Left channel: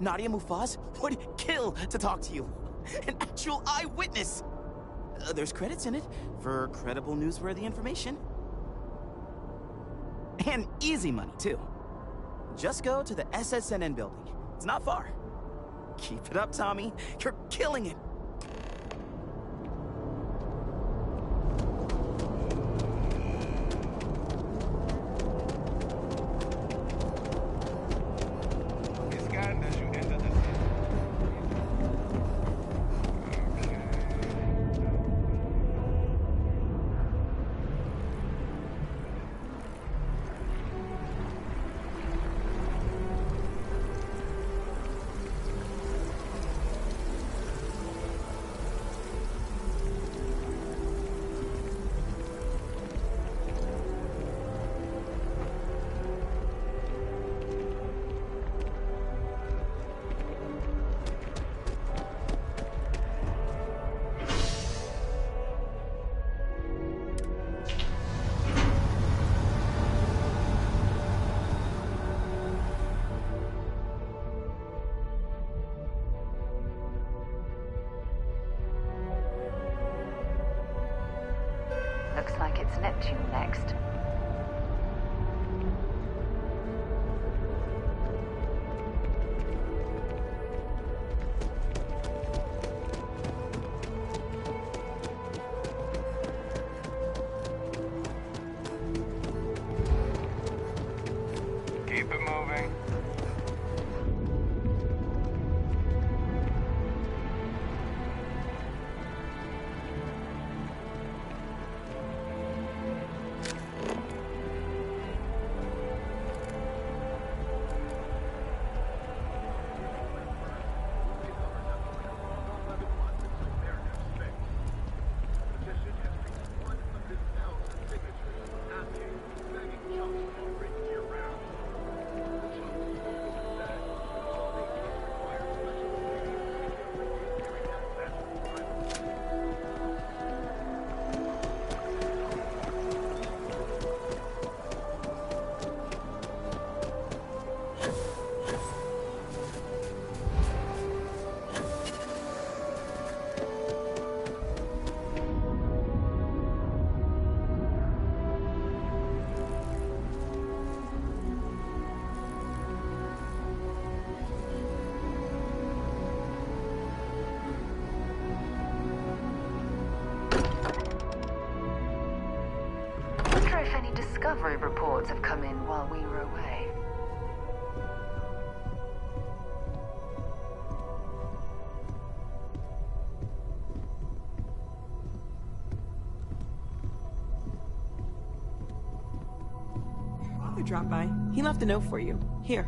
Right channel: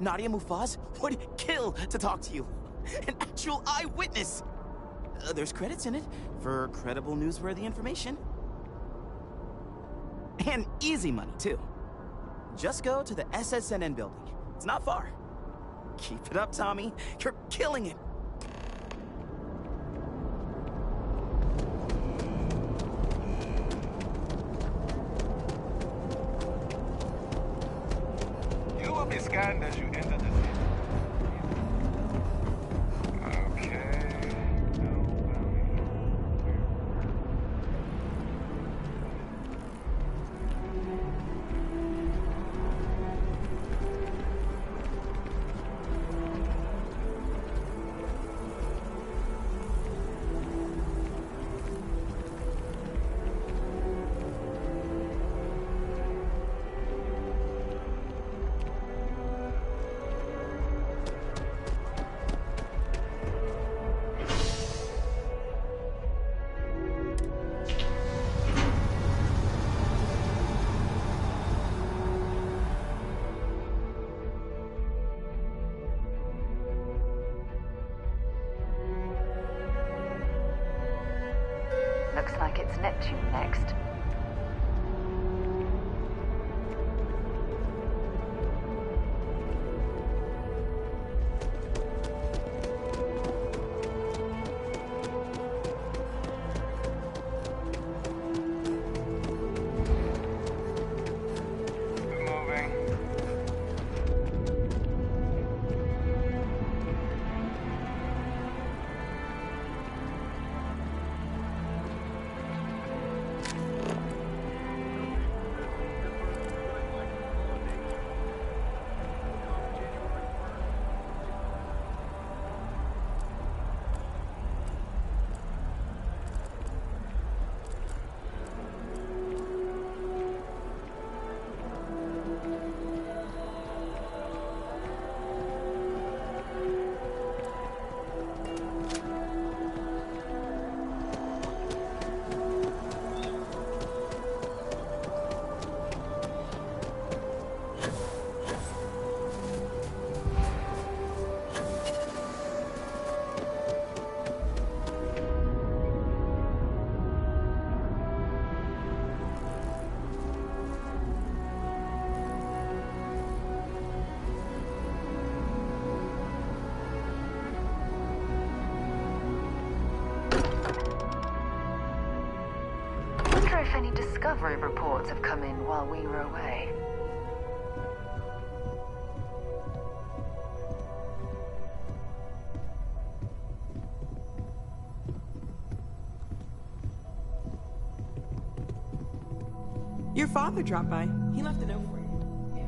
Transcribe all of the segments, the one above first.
Nadia Mufaz would kill to talk to you. An actual eyewitness! There's credits in it for credible, newsworthy information. And easy money, too. Just go to the SSNN building. It's not far. Keep it up, Tommy. You're killing it. You will be scanned as you enter the city. Looks like it's Neptune next. Keep it moving. Wonder if any discovery reports have come in while we were away. Your father dropped by. He left a note for you. Here.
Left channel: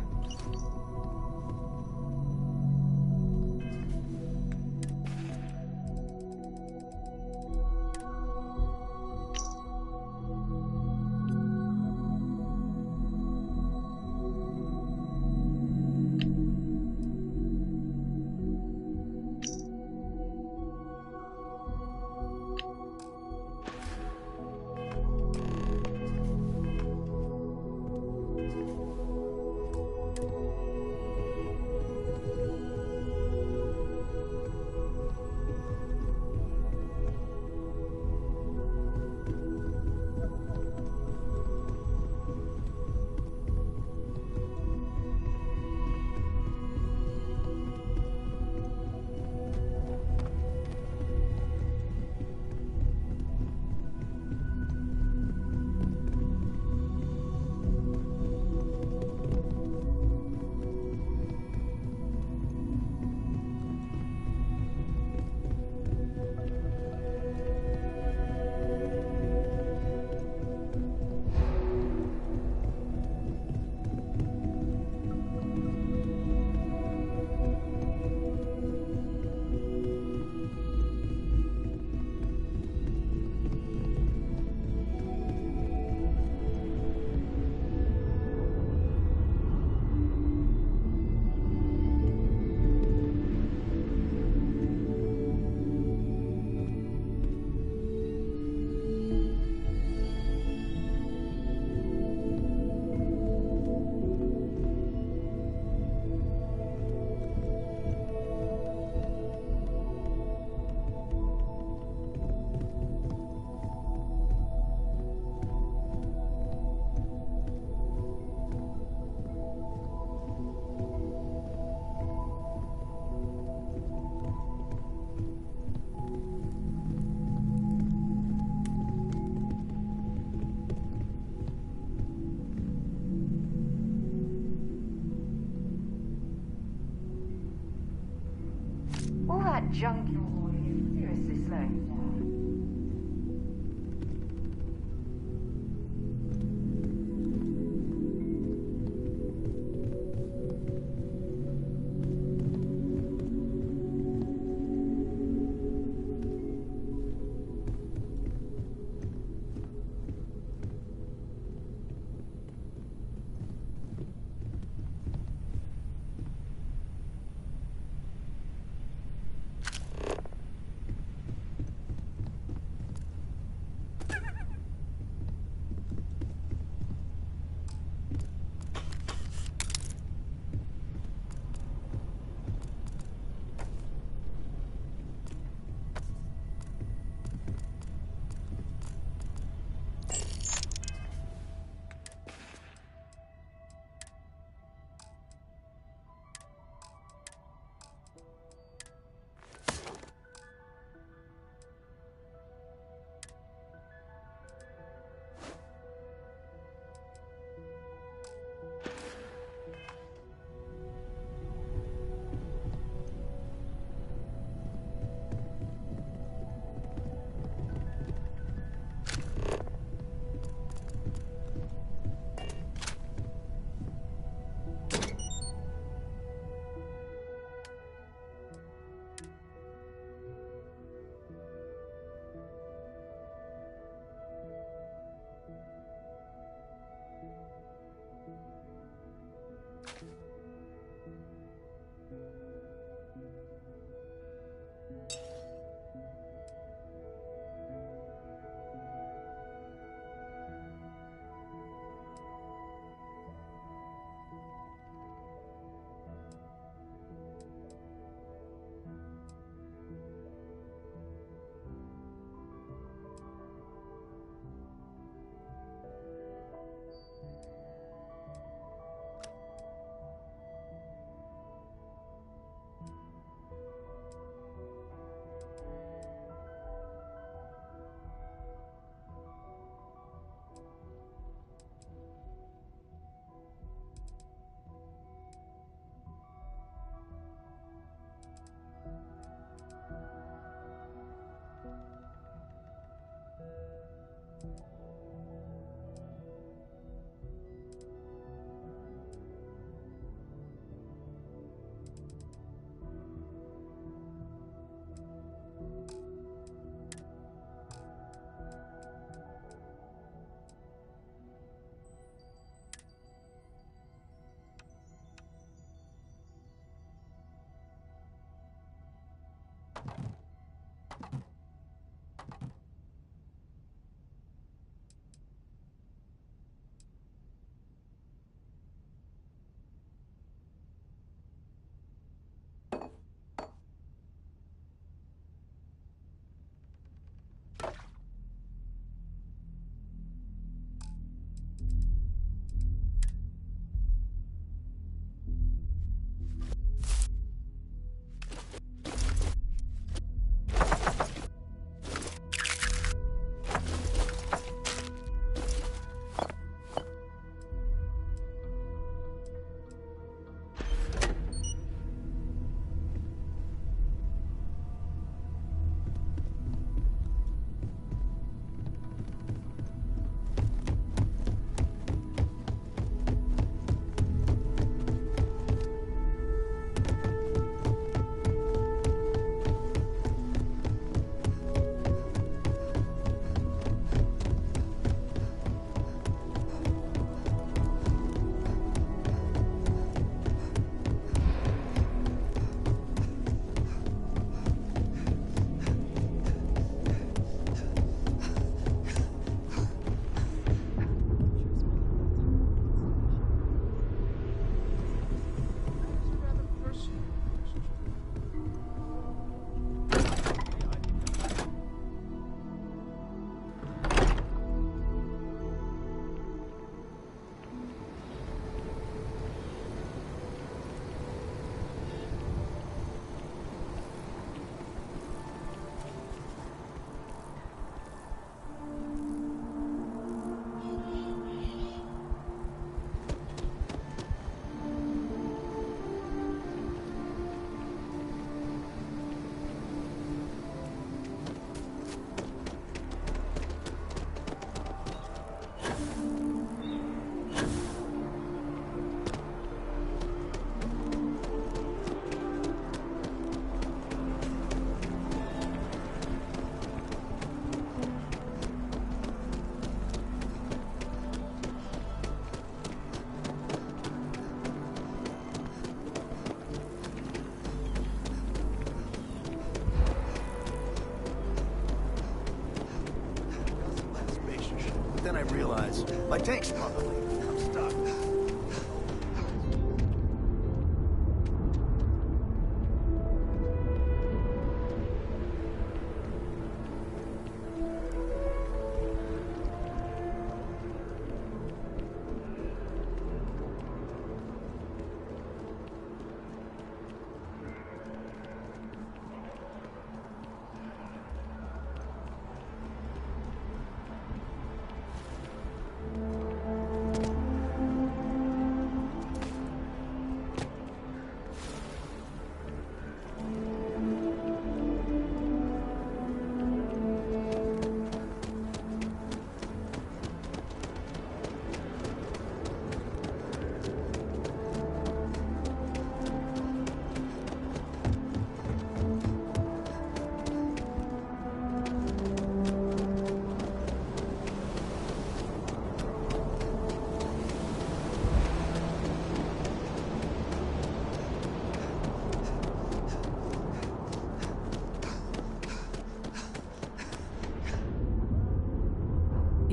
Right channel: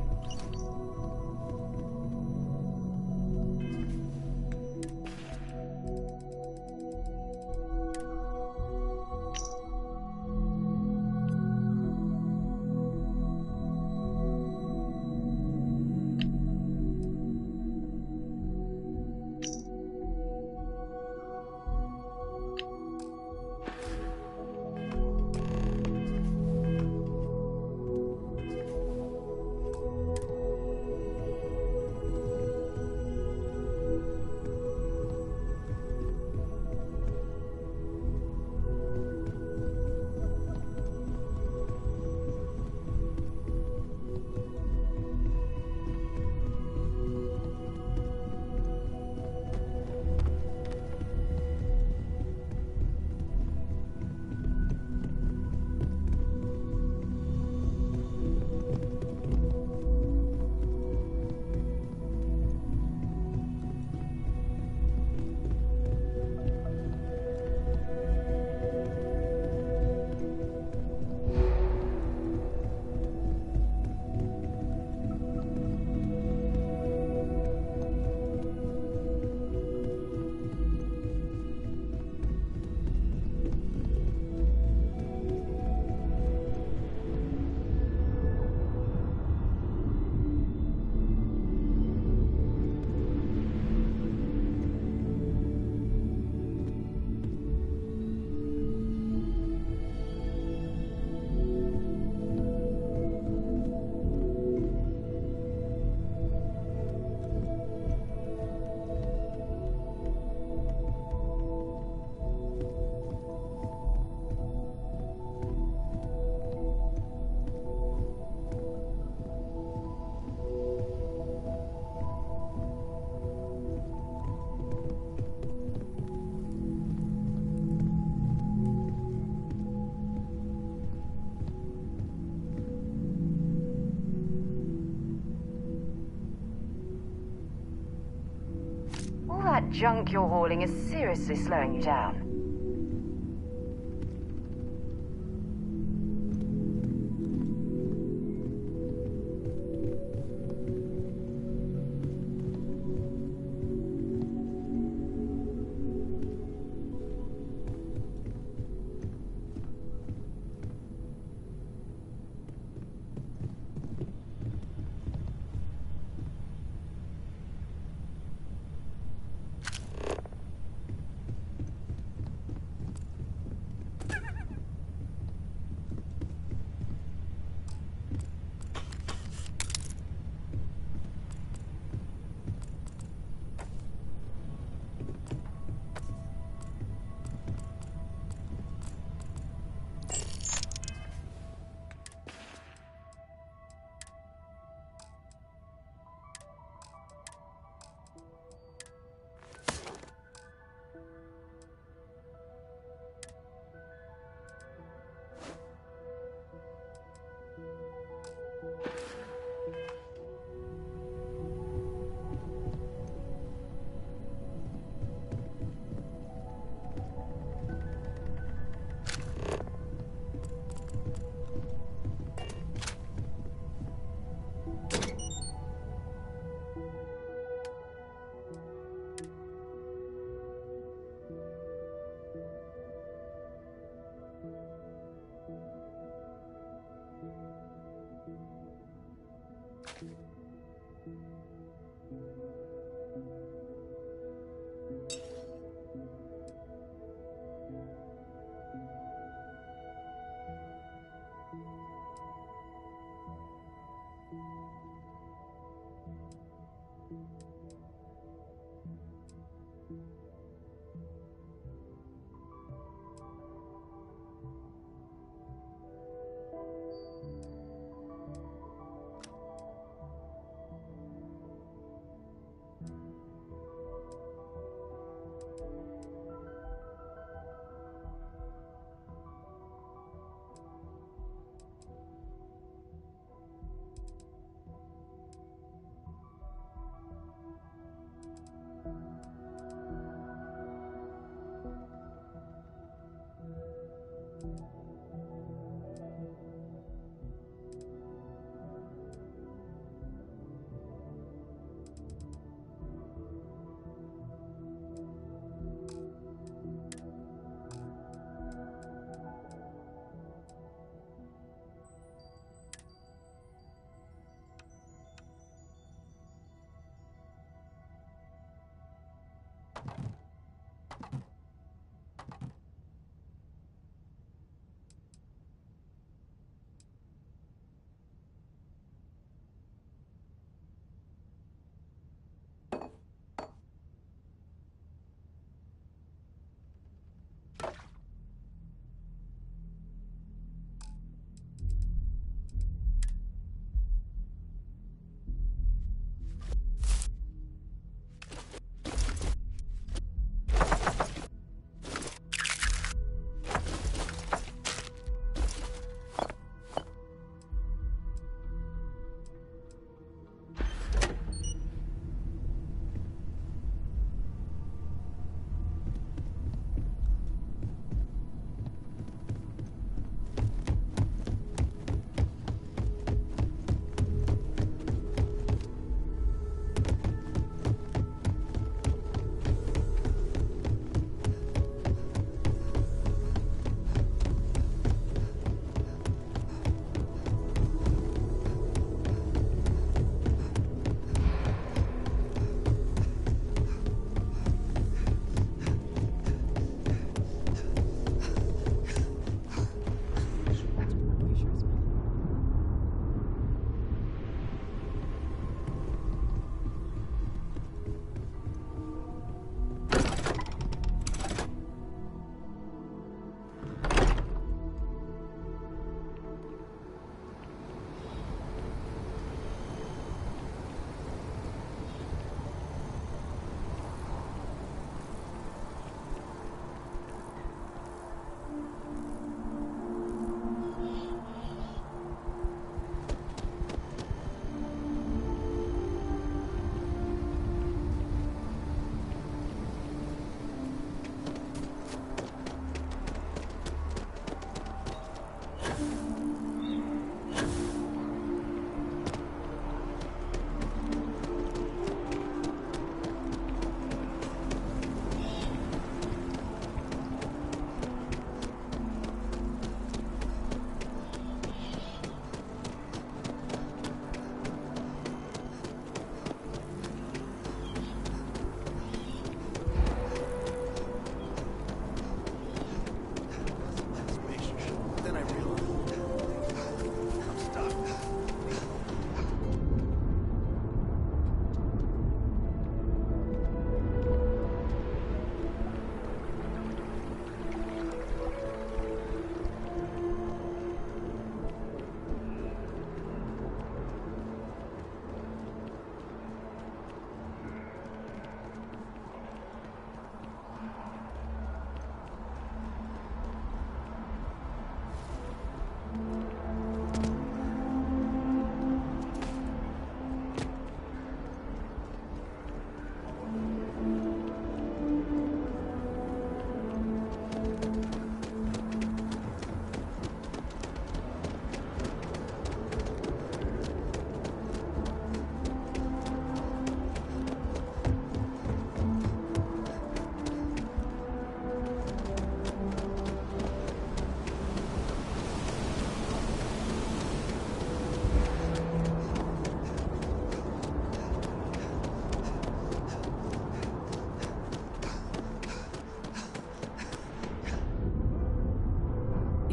that junk you're hauling is seriously slowing you down.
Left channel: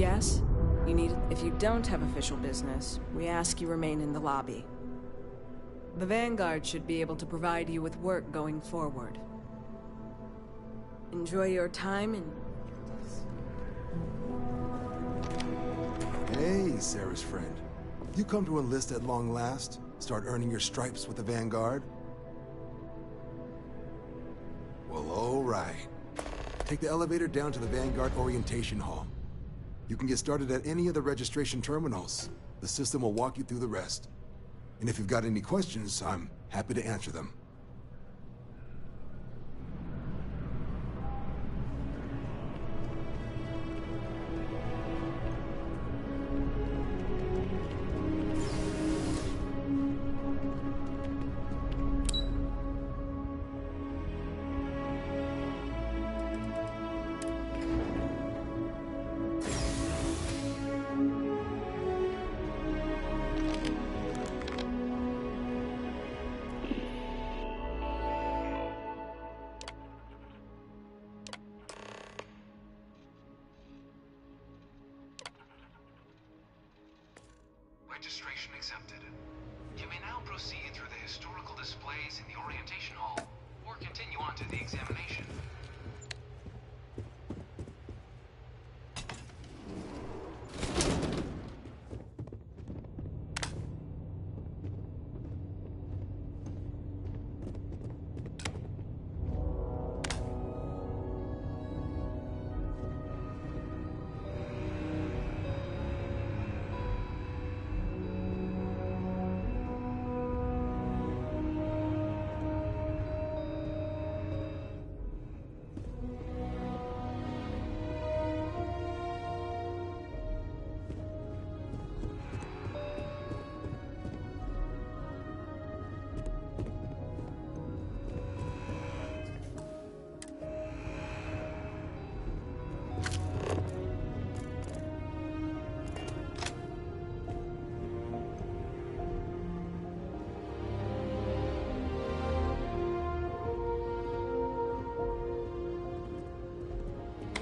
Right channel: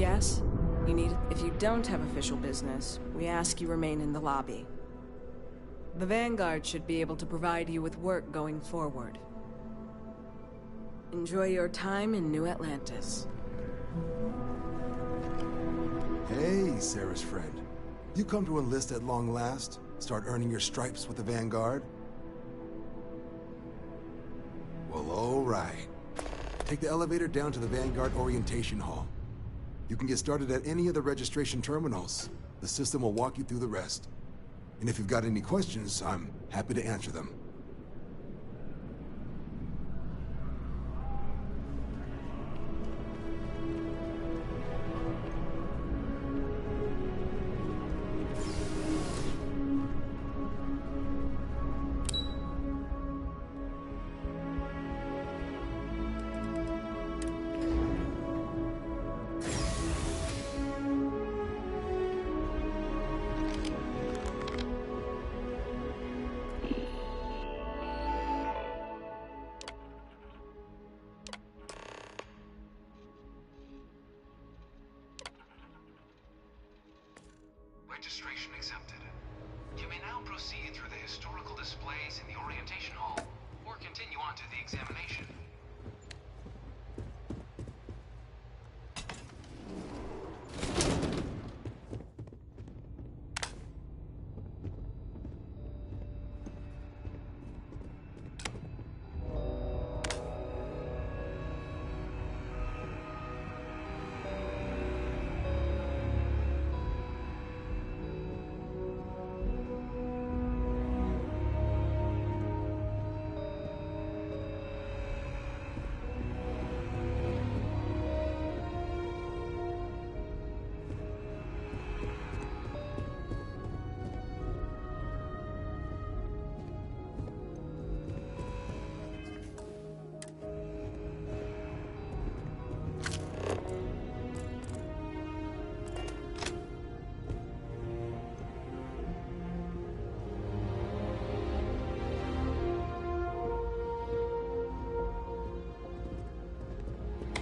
Yes? You need it? If you don't have official business, we ask you remain in the lobby. The Vanguard should be able to provide you with work going forward. Enjoy your time in New Atlantis. Hey, Sarah's friend. You come to enlist at long last? Start earning your stripes with the Vanguard? Well, all right. Take the elevator down to the Vanguard Orientation Hall. You can get started at any of the registration terminals. The system will walk you through the rest. And if you've got any questions, I'm happy to answer them. Registration accepted. You may now proceed through the historical displays in the orientation hall, or continue on to the examination.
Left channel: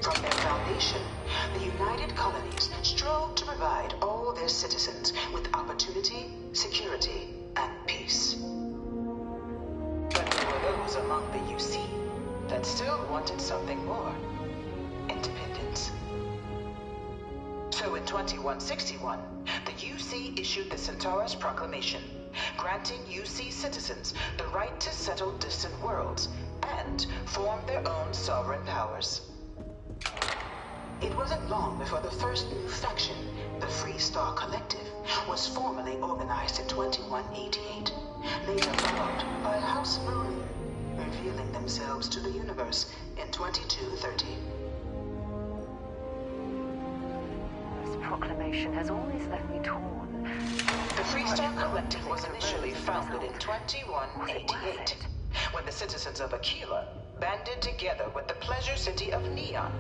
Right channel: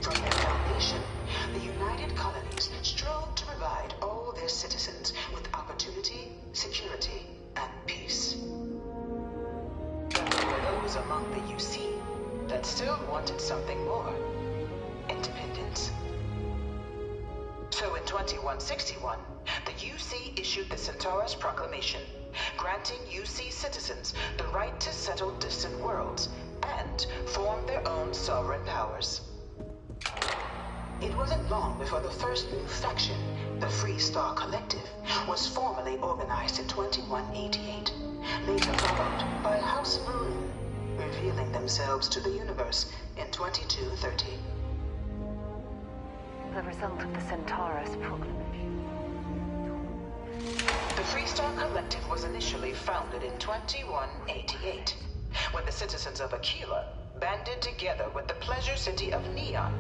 From their foundation, the United Colonies strove to provide all their citizens with opportunity, security, and peace. But there were those among the UC that still wanted something more: independence. So in 2161, the UC issued the Centaurus Proclamation, granting UC citizens the right to settle distant worlds and form their own sovereign powers. It wasn't long before the first new faction, the Free Star Collective, was formally organized in 2188, later followed by House Maroon, revealing themselves to the universe in 2230. The result of the Centaurus proclamation has always left me torn. The Free Star Collective was initially founded in 2188, when the citizens of Aquila banded together with the Pleasure City of Neon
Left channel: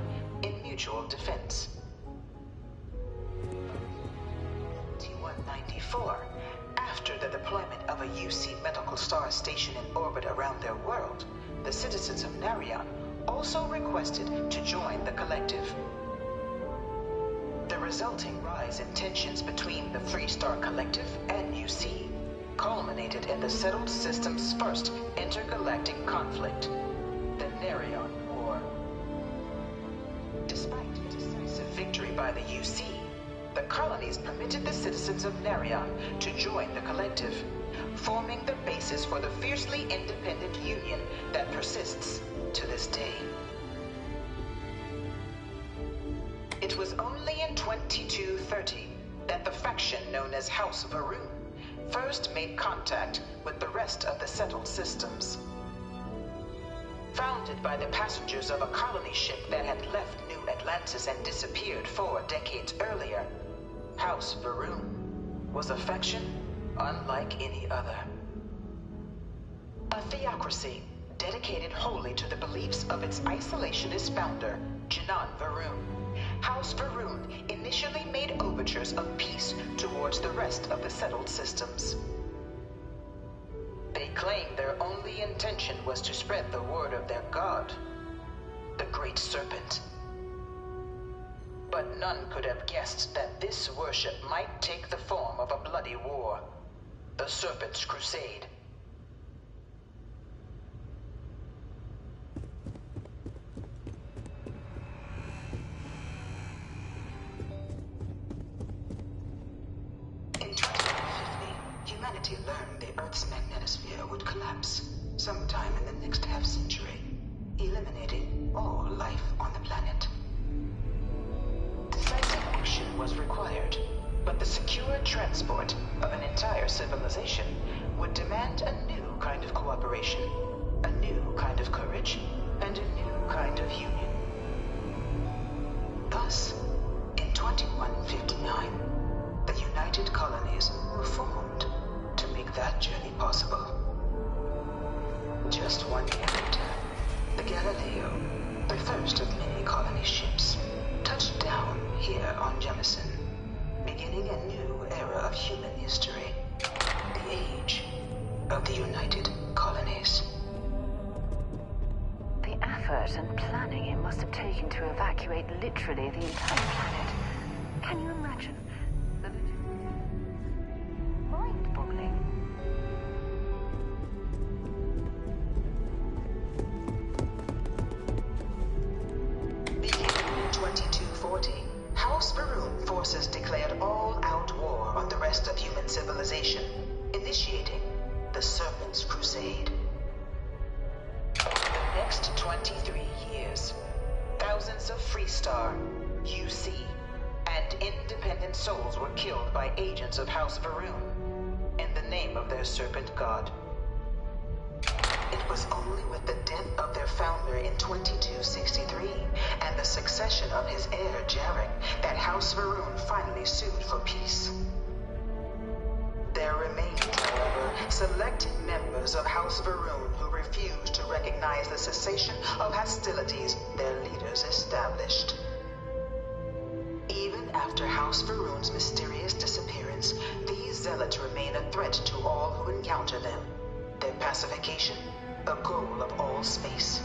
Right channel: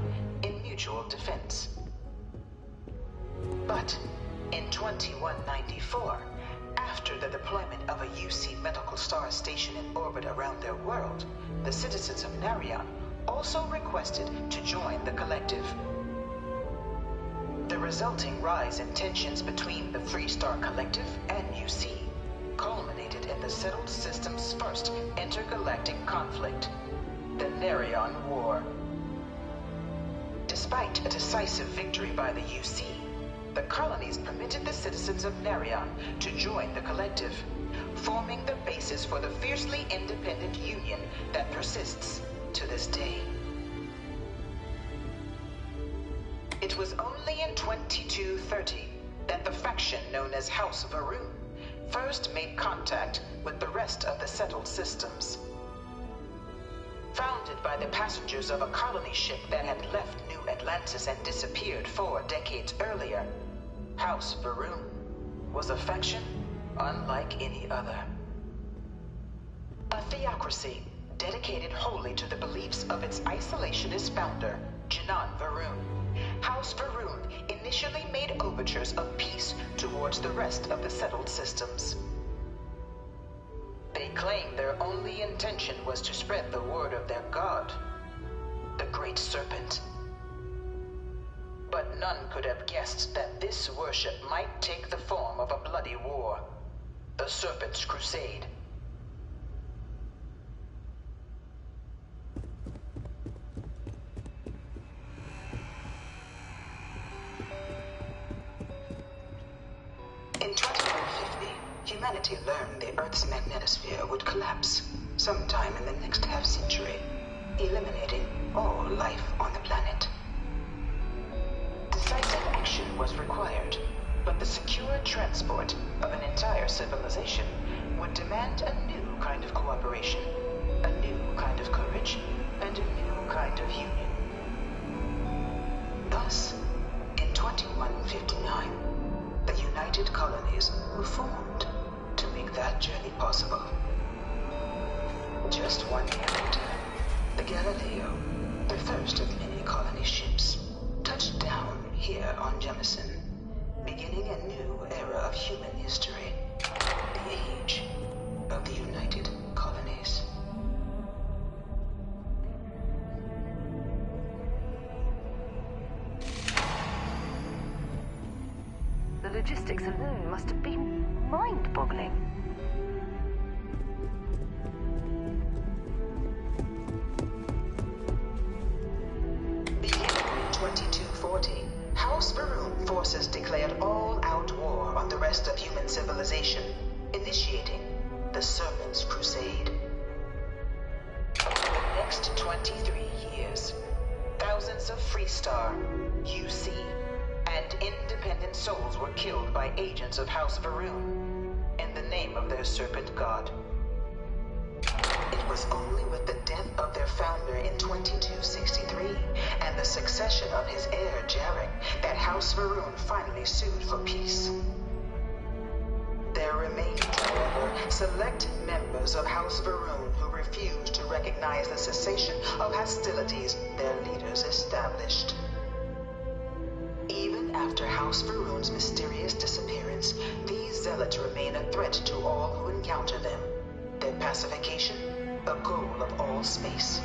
in mutual defense. But in 2194, after the deployment of a UC medical star station in orbit around their world, the citizens of Narion also requested to join the collective. The resulting rise in tensions between the Free Star Collective and UC culminated in the settled system's first intergalactic conflict, the Narion War. Despite a decisive victory by the UC, the colonies permitted the citizens of Narion to join the collective, forming the basis for the fiercely independent union that persists to this day. It was only in 2230 that the faction known as House Varoon first made contact with the rest of the settled systems. Founded by the passengers of a colony ship that had left New Atlantis and disappeared 4 decades earlier, House Varoon was a faction unlike any other. A theocracy dedicated wholly to the beliefs of its isolationist founder, Janan Varoon. House Varoon initially made overtures of peace towards the rest of the settled systems. They claimed their only intention was to spread the word of their god, the Great Serpent. But none could have guessed that this worship might take the form of a bloody war. The Serpent's Crusade. In 2150, humanity learned the Earth's magnetosphere would collapse sometime in the next half-century, eliminating all life on the planet. Decisive action was required, but the secure transport of an entire civilization would demand a new kind of cooperation, a new kind of courage, and a new kind of union. Thus, in 2159, the United Colonies were formed to make that journey possible. Just 1 year later, the Galileo, the first of many colony ships, touched down here on Jemison, beginning a new era of human history, the age of the United Colonies. The effort and planning it must have taken to evacuate literally the entire planet. Can you imagine? The logistics alone must have been mind-boggling. Beginning in 2240, House Varun forces declared all-out war on the rest of human civilization, initiating the Serpent's Crusade. Over the next 23 years, thousands of Freestar, UC, and independent souls were killed by agents of House Varun in the name of their serpent god. It was only with the death of their founder in 2263 and the succession of his heir Jarek that House Varun finally sued for peace. There remained, however, select members of House Varun who refused to recognize the cessation of hostilities their leaders established. Even after House Varun's mysterious disappearance, these zealots remain a threat to all who encounter them. Their pacification, a goal of all space.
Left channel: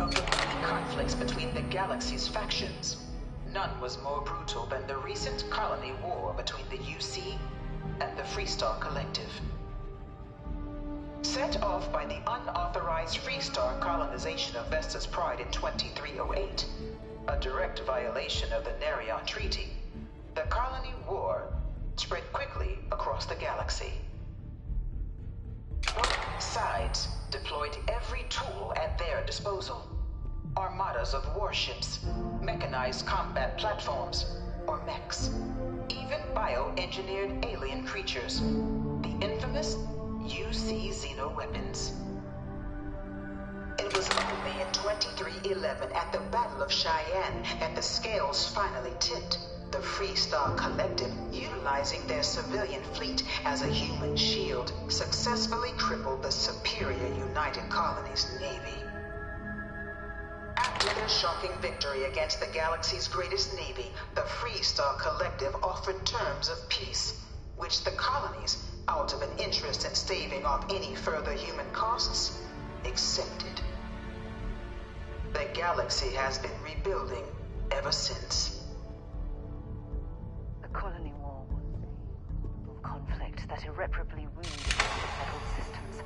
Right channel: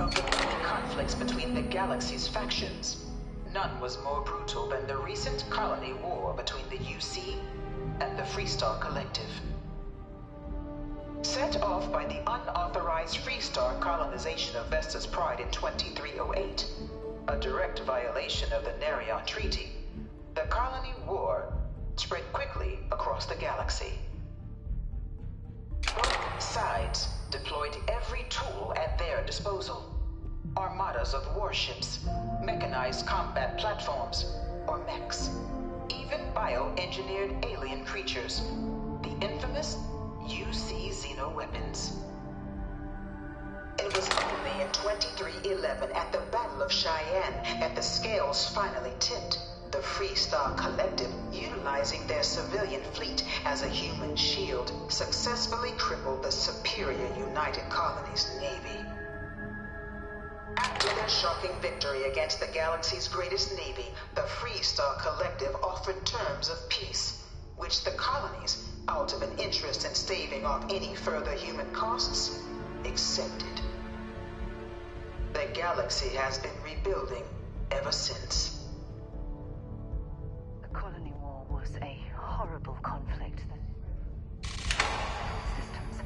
Of the many conflicts between the galaxy's factions, none was more brutal than the recent colony war between the UC and the Freestar Collective. Set off by the unauthorized Freestar colonization of Vesta's Pride in 2308, a direct violation of the Nerion Treaty, the colony war spread quickly across the galaxy. Both sides deployed every tool at their disposal. Armadas of warships, mechanized combat platforms, or mechs, even bioengineered alien creatures, the infamous UC xeno-weapons. It was only in 2311 at the Battle of Cheyenne that the scales finally tipped. The Freestar Collective, utilizing their civilian fleet as a human shield, successfully crippled the superior United Colonies Navy. After their shocking victory against the galaxy's greatest navy, the Freestar Collective offered terms of peace, which the colonies, out of an interest in staving off any further human costs, accepted. The galaxy has been rebuilding ever since. The colony war was a horrible conflict that irreparably wounded several systems.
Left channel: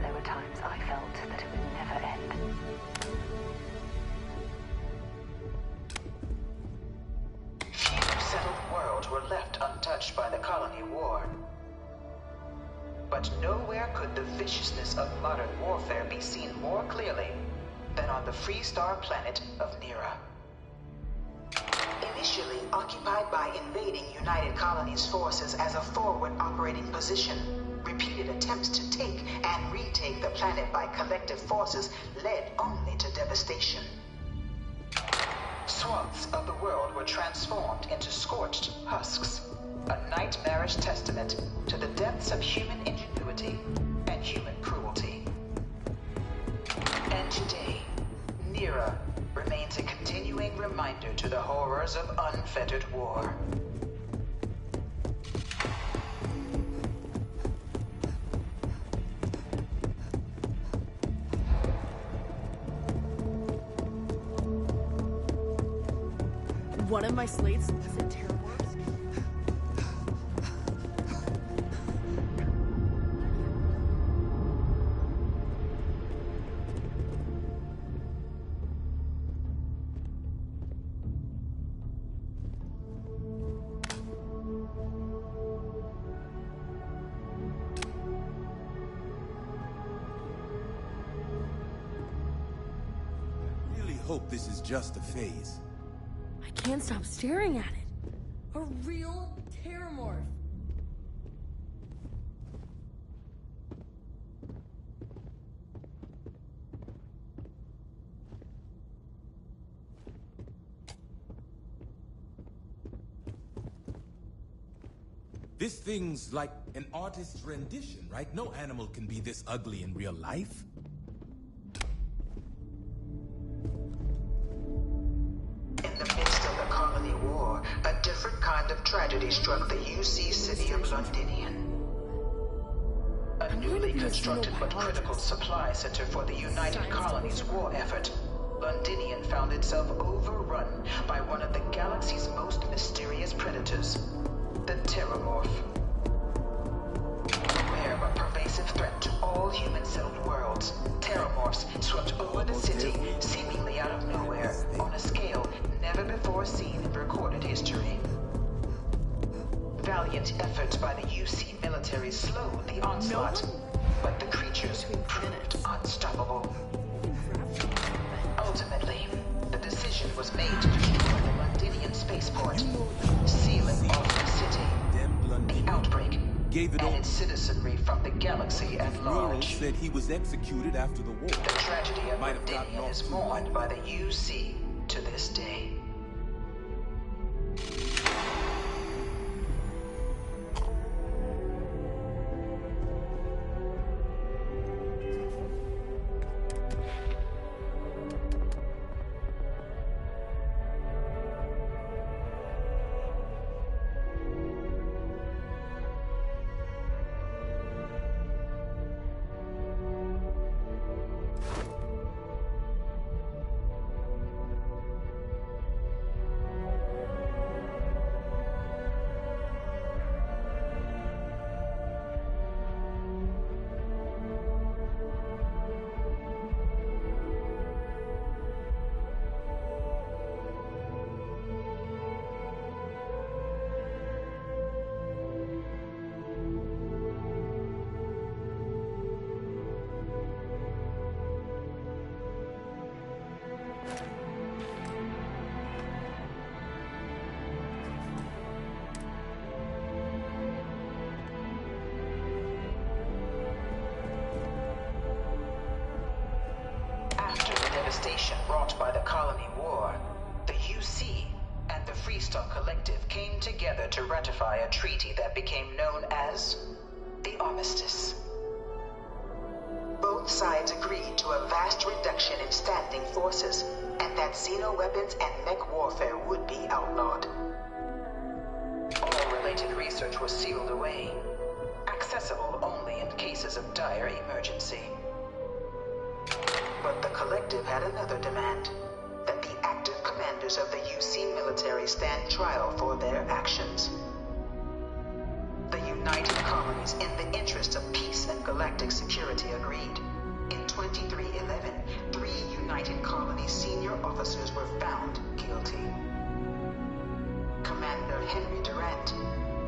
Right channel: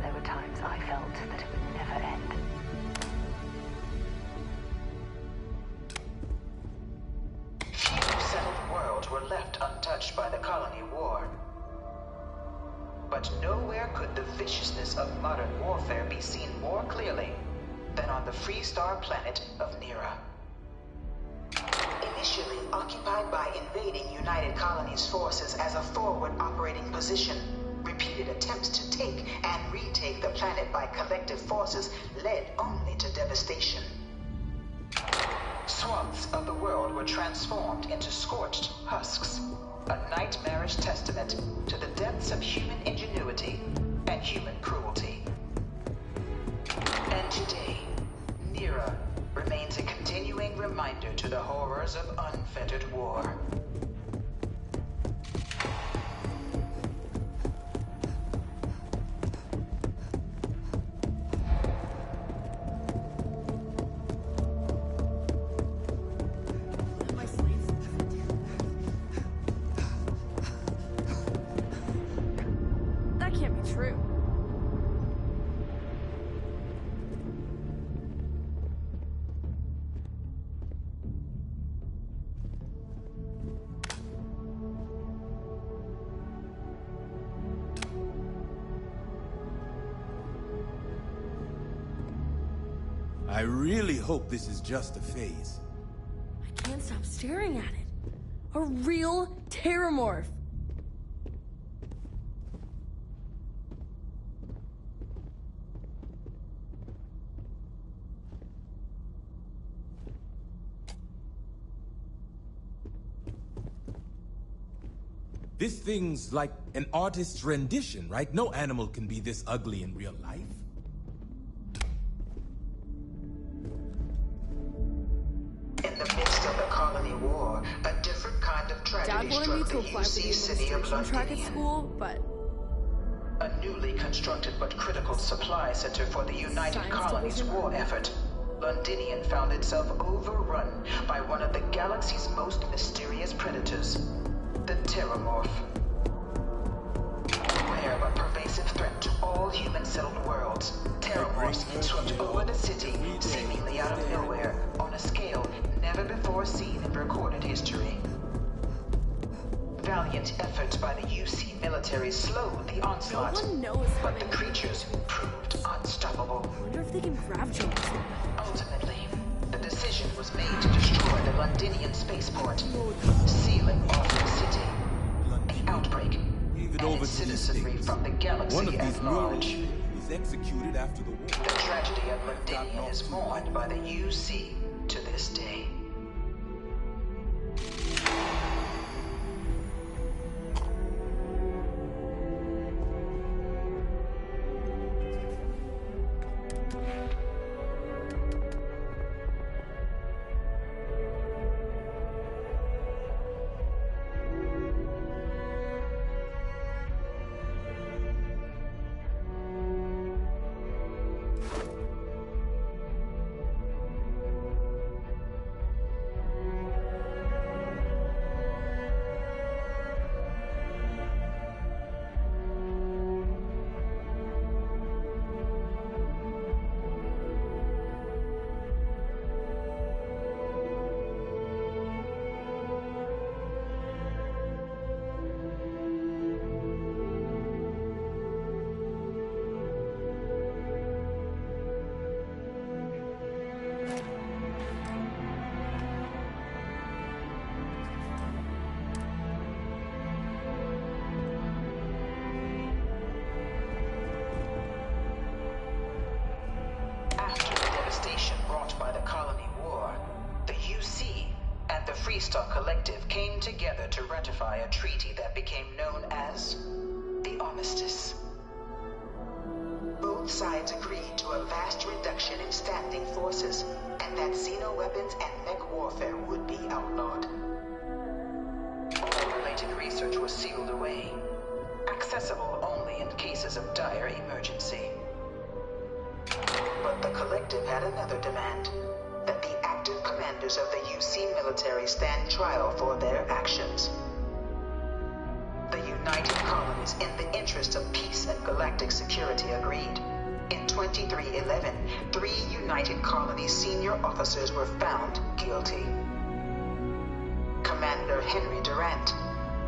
There were times I felt that it would never end. Few settled worlds were left untouched by the colony war. But nowhere could the viciousness of modern warfare be seen more clearly than on the Freestar planet of Nera. Initially occupied by invading United Colonies forces as a forward operating position, repeated attempts to take and retake the planet by collective forces led only to devastation. Swaths of the world were transformed into scorched husks, a nightmarish testament to the depths of human ingenuity and human cruelty. And today, Nera remains a continuing reminder to the horrors of unfettered war. One of my slates is in terrible. That can't be true. I really hope this is just a phase. I can't stop staring at it. A real terramorph. This thing's like an artist's rendition, right? No animal can be this ugly in real life. In the midst of the colony war, a different kind of tragedy struck the UC city of Londinian. A newly constructed but critical supply center for the United Colonies' war effort, Londinian found itself overrun by one of the galaxy's most mysterious predators, the Terramorph. A rare but pervasive threat to all human-settled worlds, Terramorphs swept over the city, seemingly out of nowhere, on a scale never before seen in recorded history. Valiant efforts by the UC military slowed the onslaught, but the creatures proved unstoppable. Ultimately, the decision was made to destroy the Londinian spaceport, sealing off the city, the outbreak, Gave it and over its to the citizenry state. from the galaxy One of at these murals large. said he was executed after the war. The tragedy of Might have gotten Londinian off is too mourned light. by the UC to this day. devastation brought by the Colony War, the UC and the Freestar Collective came together to ratify a treaty that became known as the Armistice. Both sides agreed to a vast reduction in standing forces, and that xeno-weapons and mech warfare would be outlawed. All related research was sealed away, accessible only in cases of dire emergency. But the Collective had another demand, that the active commanders of the UC military stand trial for their actions. The United Colonies, in the interest of peace and galactic security, agreed. In 2311, 3 United Colonies senior officers were found guilty. Commander Henry Durant,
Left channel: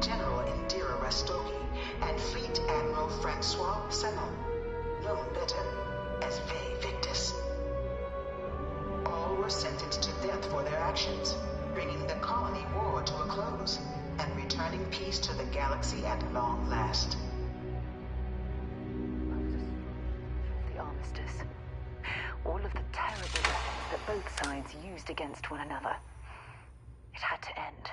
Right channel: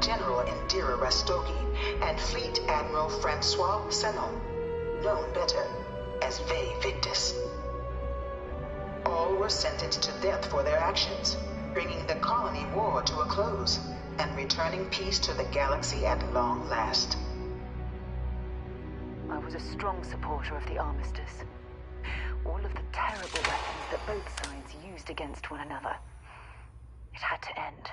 General Indira Rastogi, and Fleet Admiral Francois Sanon, known better as Ve Victus. All were sentenced to death for their actions, bringing the colony war to a close and returning peace to the galaxy at long last. I was a strong supporter of the Armistice. All of the terrible weapons that both sides used against one another. It had to end.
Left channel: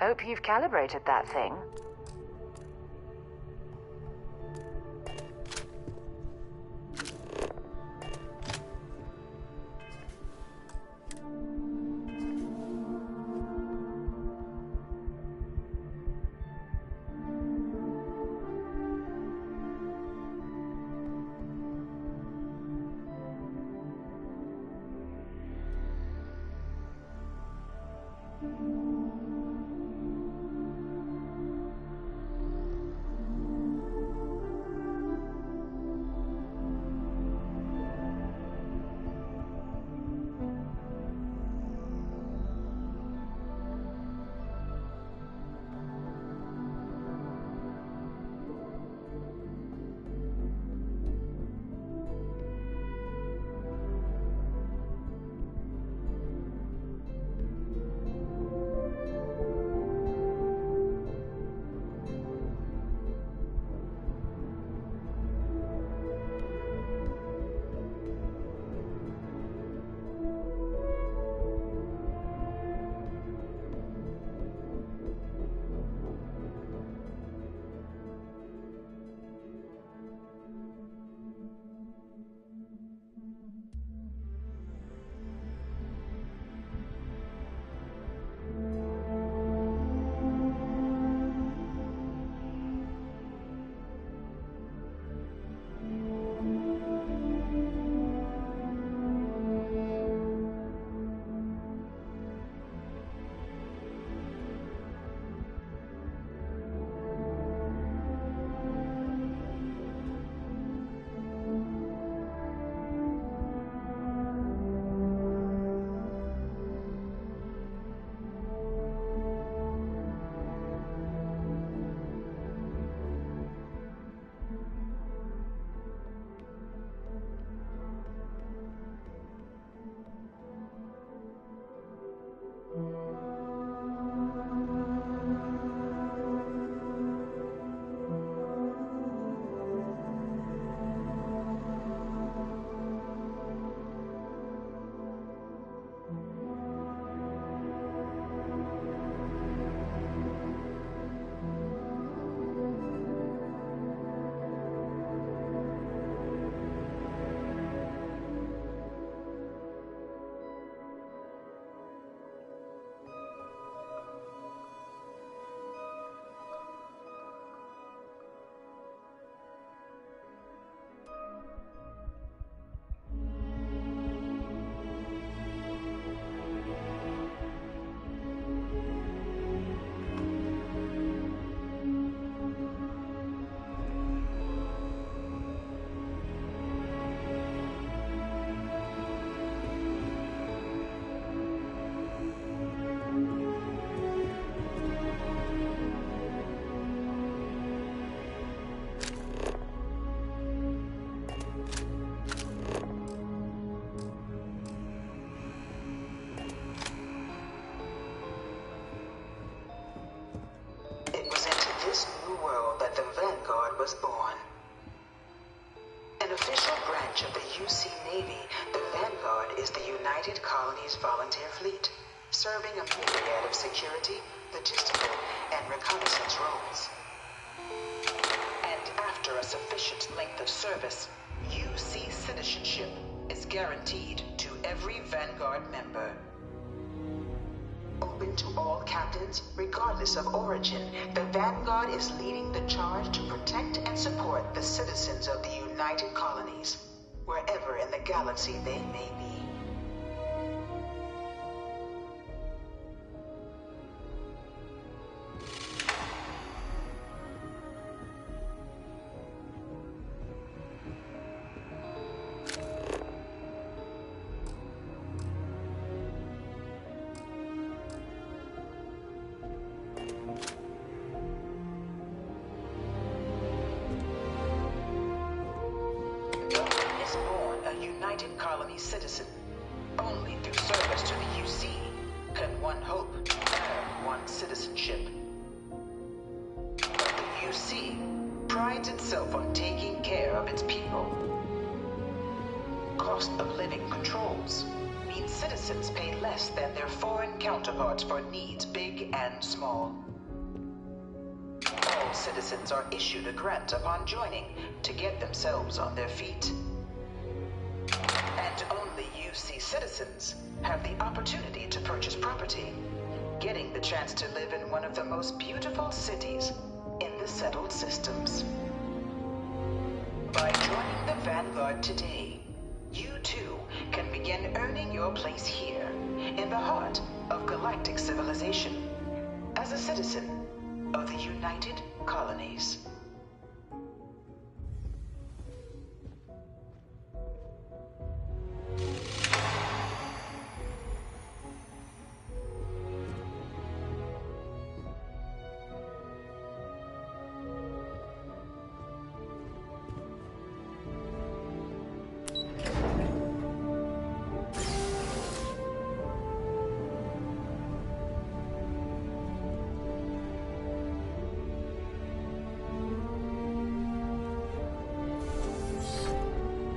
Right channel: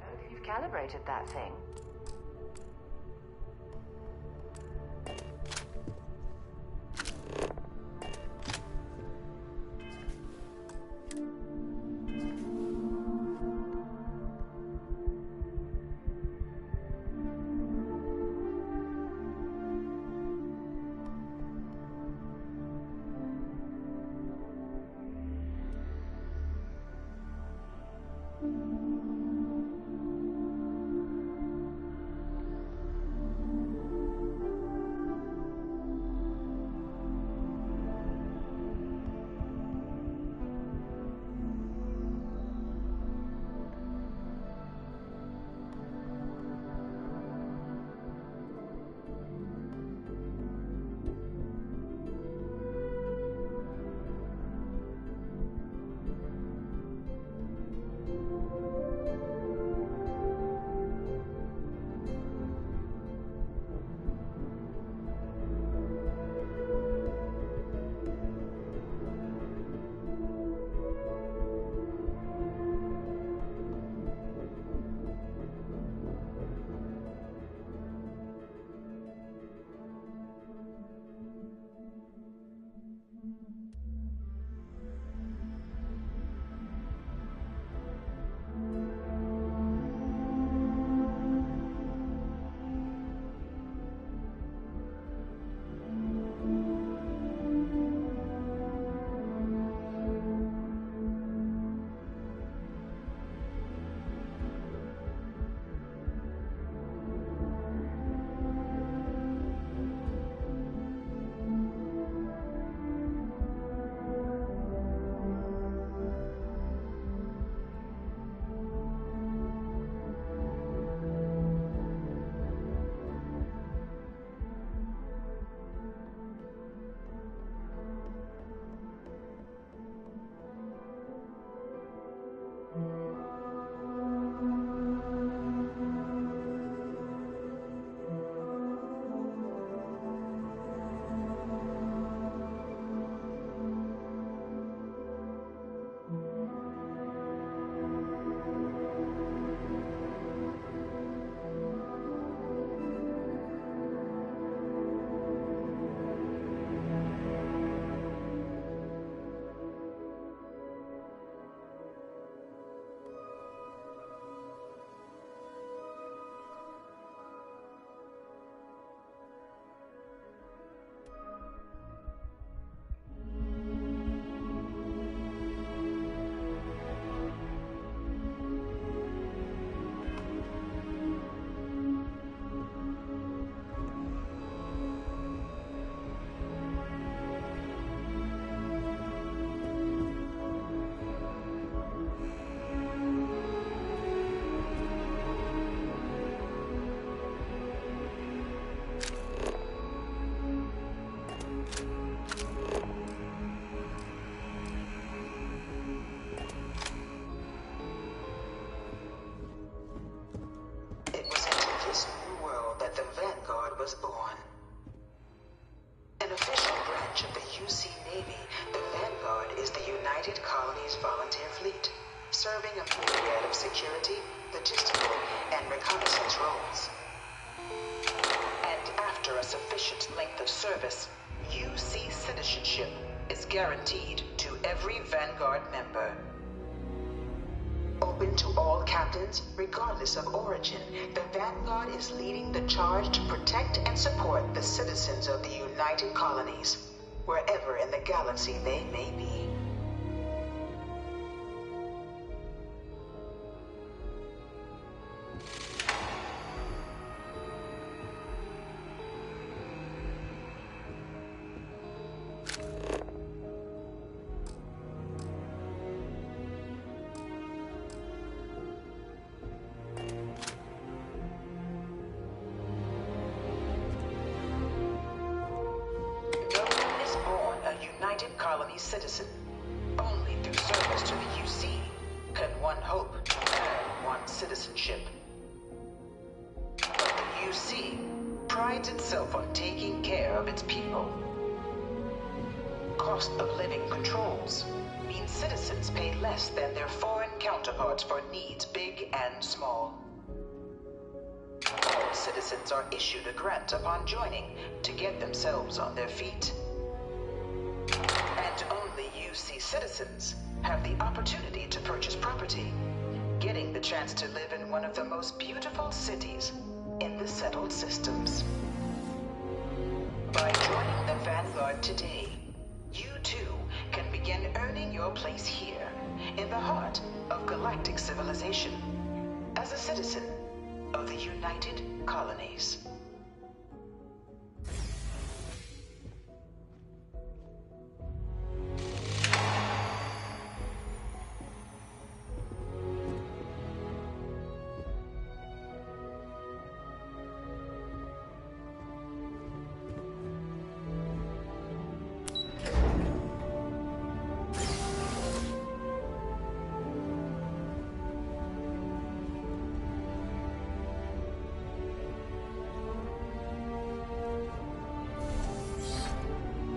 Hope you've calibrated that thing. UC Navy, the Vanguard is the United Colonies Volunteer Fleet, serving a myriad of security, logistical, and reconnaissance roles. And after a sufficient length of service, UC citizenship is guaranteed to every Vanguard member. Open to all captains, regardless of origin, the Vanguard is leading the charge to protect and support the citizens of the United Colonies, wherever in the galaxy they may be. United Colony citizen. Only through service to the UC can one hope to earn one's citizenship. But the UC prides itself on taking care of its people. Cost of living controls mean citizens pay less than their foreign counterparts for needs big and small. All citizens are issued a grant upon joining to get themselves on their feet. And only UC citizens have the opportunity to purchase property, getting the chance to live in one of the most beautiful cities in the settled systems. By joining the Vanguard today, you too can begin earning your place here, in the heart of galactic civilization, as a citizen of the United Colonies.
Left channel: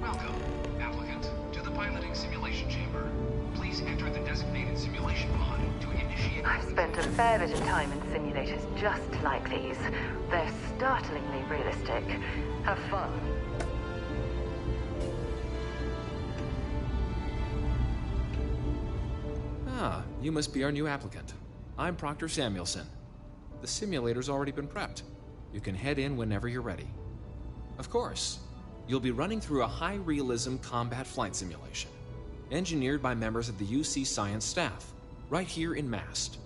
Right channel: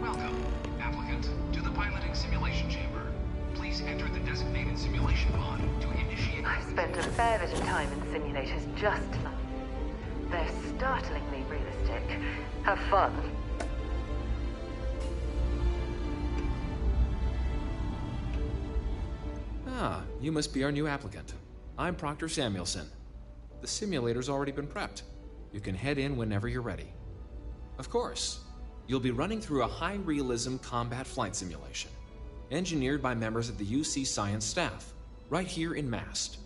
Welcome, applicant, to the piloting simulation chamber. Please enter the designated simulation pod to initiate... I've spent a fair bit of time in simulators just like these. They're startlingly realistic. Have fun. Ah, you must be our new applicant. I'm Proctor Samuelson. The simulator's already been prepped. You can head in whenever you're ready. Of course, you'll be running through a high-realism combat flight simulation, engineered by members of the UC science staff, right here in Mast.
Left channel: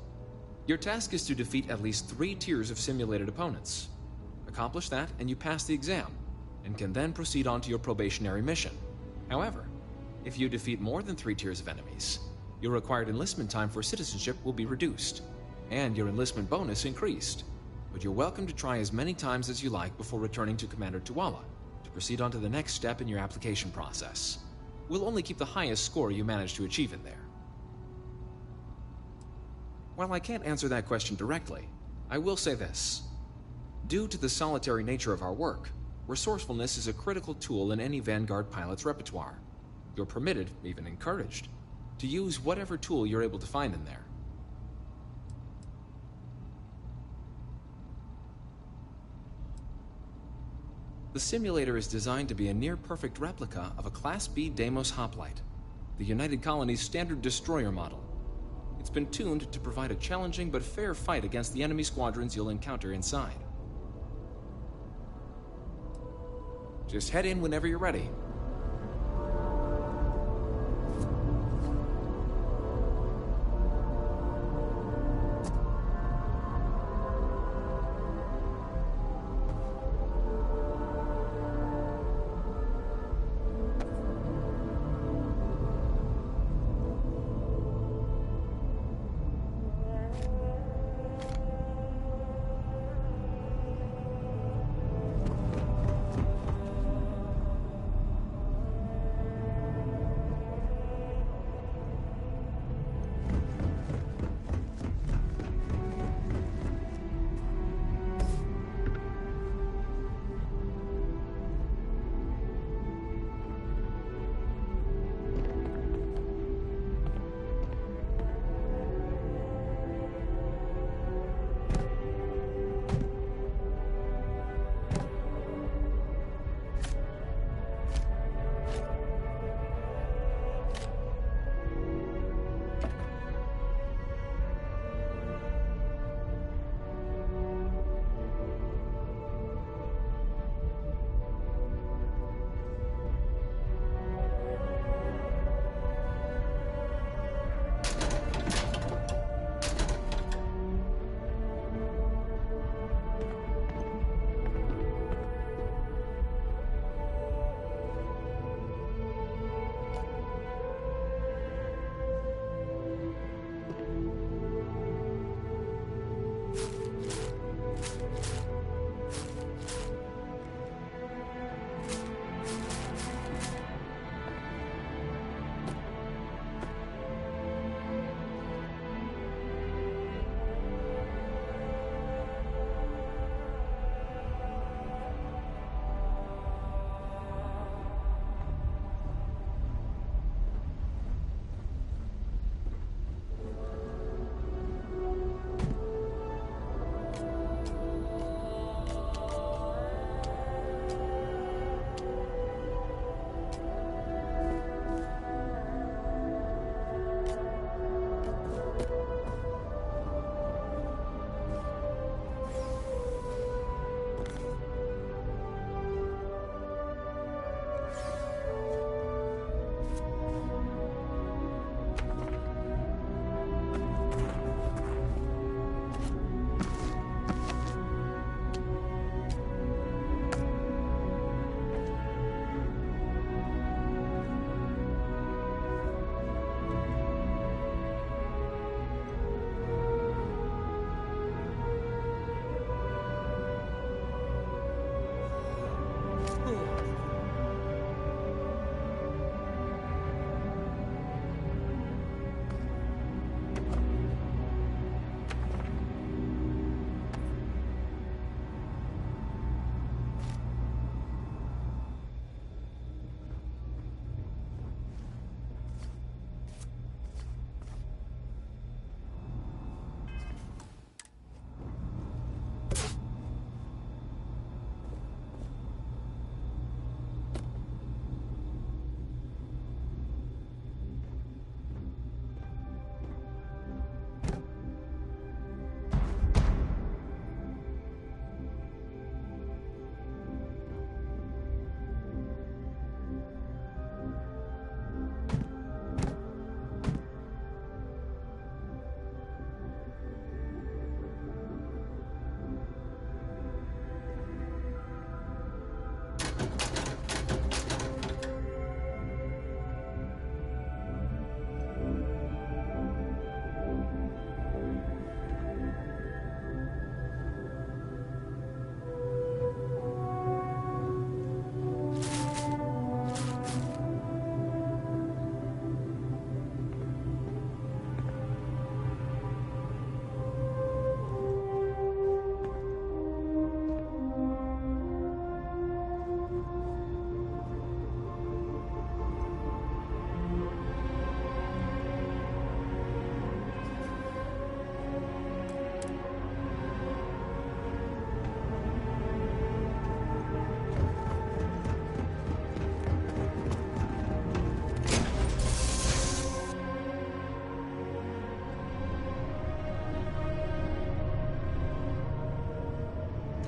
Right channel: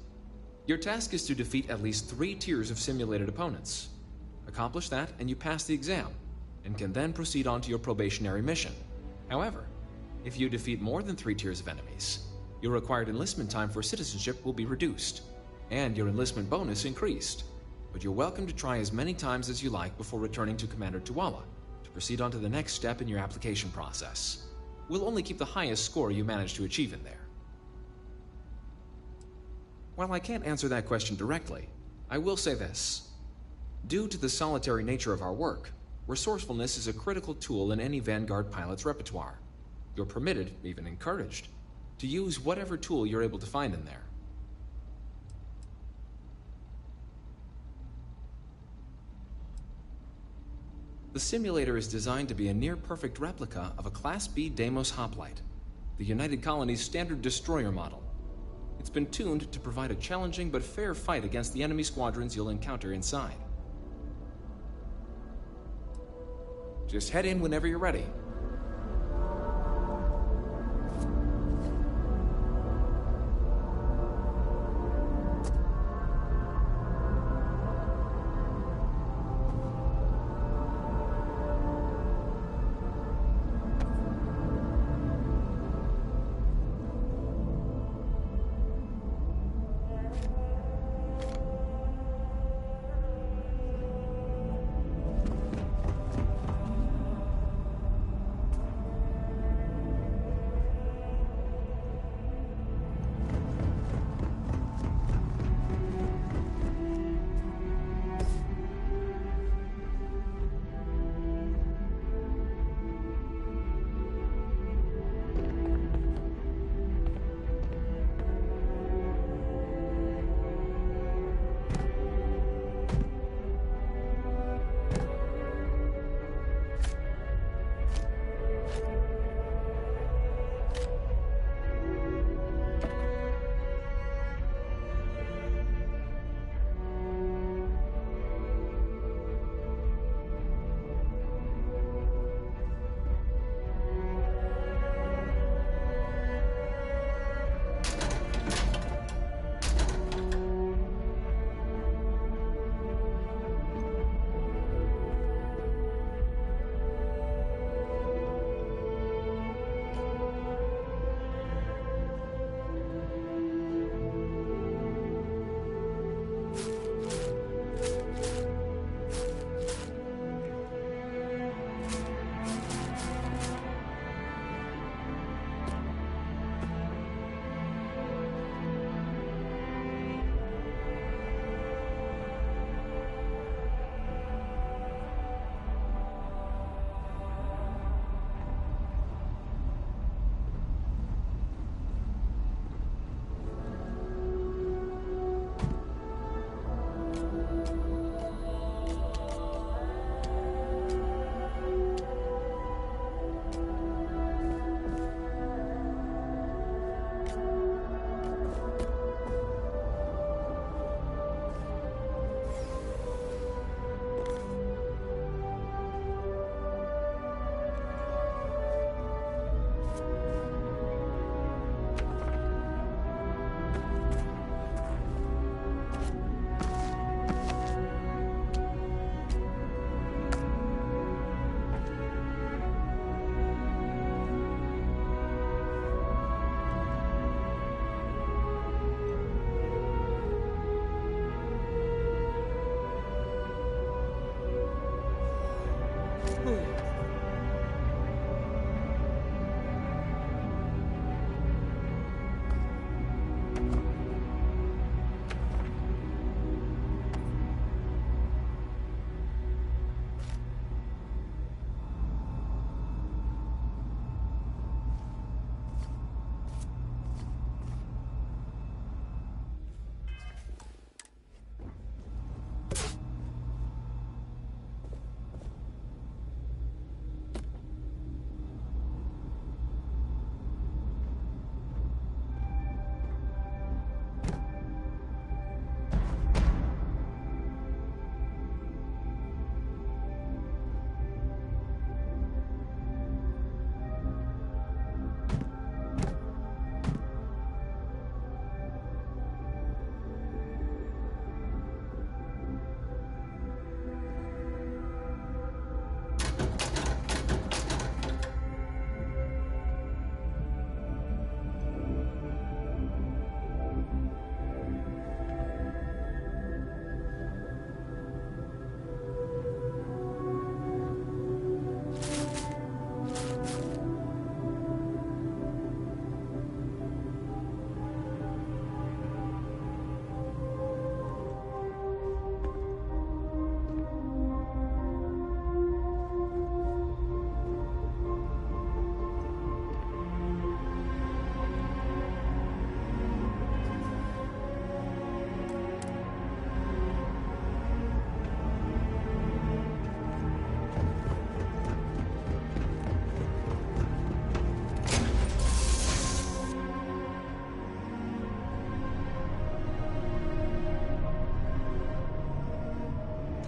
Your task is to defeat at least 3 tiers of simulated opponents. Accomplish that, and you pass the exam, and can then proceed on to your probationary mission. However, if you defeat more than 3 tiers of enemies, your required enlistment time for citizenship will be reduced, and your enlistment bonus increased. But you're welcome to try as many times as you like before returning to Commander Tuala to proceed on to the next step in your application process. We'll only keep the highest score you manage to achieve in there. While I can't answer that question directly, I will say this. Due to the solitary nature of our work, resourcefulness is a critical tool in any Vanguard pilot's repertoire. You're permitted, even encouraged, to use whatever tool you're able to find in there. The simulator is designed to be a near-perfect replica of a Class B Deimos hoplite, the United Colony's standard destroyer model. It's been tuned to provide a challenging but fair fight against the enemy squadrons you'll encounter inside. Just head in whenever you're ready.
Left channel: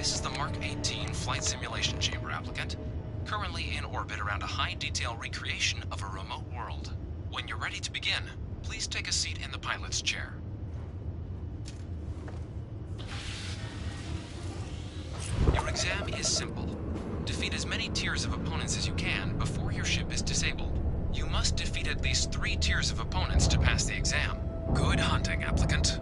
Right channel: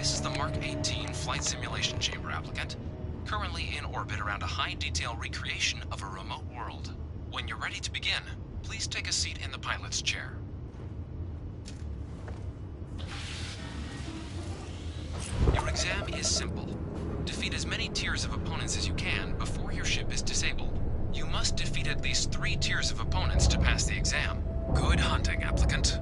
This is the Mark 18 Flight Simulation Chamber, applicant. Currently in orbit around a high-detail recreation of a remote world. When you're ready to begin, please take a seat in the pilot's chair. Your exam is simple. Defeat as many tiers of opponents as you can before your ship is disabled. You must defeat at least 3 tiers of opponents to pass the exam. Good hunting, applicant.